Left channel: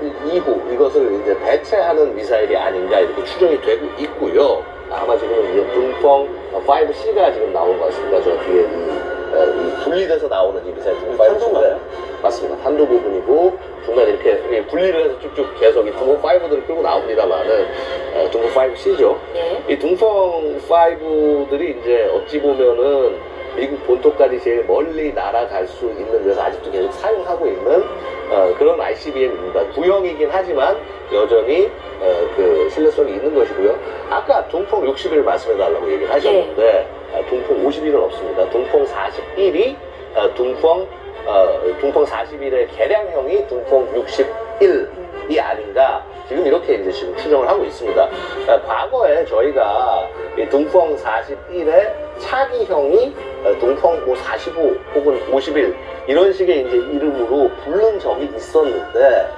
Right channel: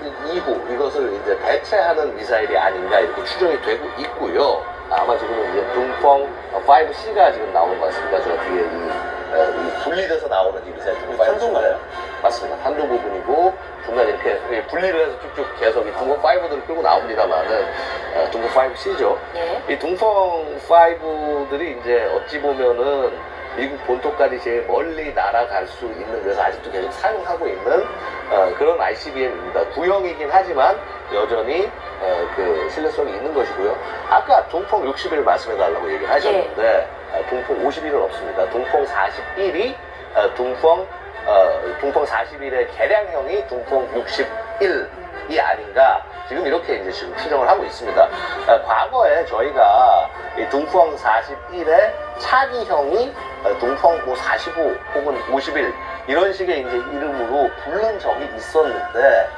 41 이후 이것을 이제 대체하는 미사일이 아닌가 이렇게 추정이 되고 있고요. 아마 지금은 이제 둥펑 5C가 지금 나온 것 같습니다. 저 뒤에 이, 어, 이 분리돼서 나오는 이 미사일 둥펑 5C인데 맞습니다. 탄도 부분이고 중간에 이렇게 분리를 해서 쭉쭉 계속 이 둥펑 5들을 끌고 나옵니다만은 어, 둥펑 5C죠. 예. 이 둥펑 5들이 이제 어찌 보면은 미국 본토까지 제일 멀리 날아갈 수 있는 그래서 아직도 계속 사용하고 있는 어, 그런 ICBM입니다. 구형이긴 하지만 여전히 어, 그 신뢰성이 있는 것이고요. 아까 둥펑 60일 말씀해달라고 얘기를 하셨는데 어, 둥펑 51은 없습니다. 둥펑 41이 어, 둥펑 어, 둥펑 41의 개량형이 둥펑 61이 아닌가 지금 이렇게 이제 지금 추정을 하고 있습니다. 아, 과거에 저희가 이 둥펑 41의 차기형이 어, 뭐45 혹은 51 이런 식의 이제 이름으로 부른 적이 있었는데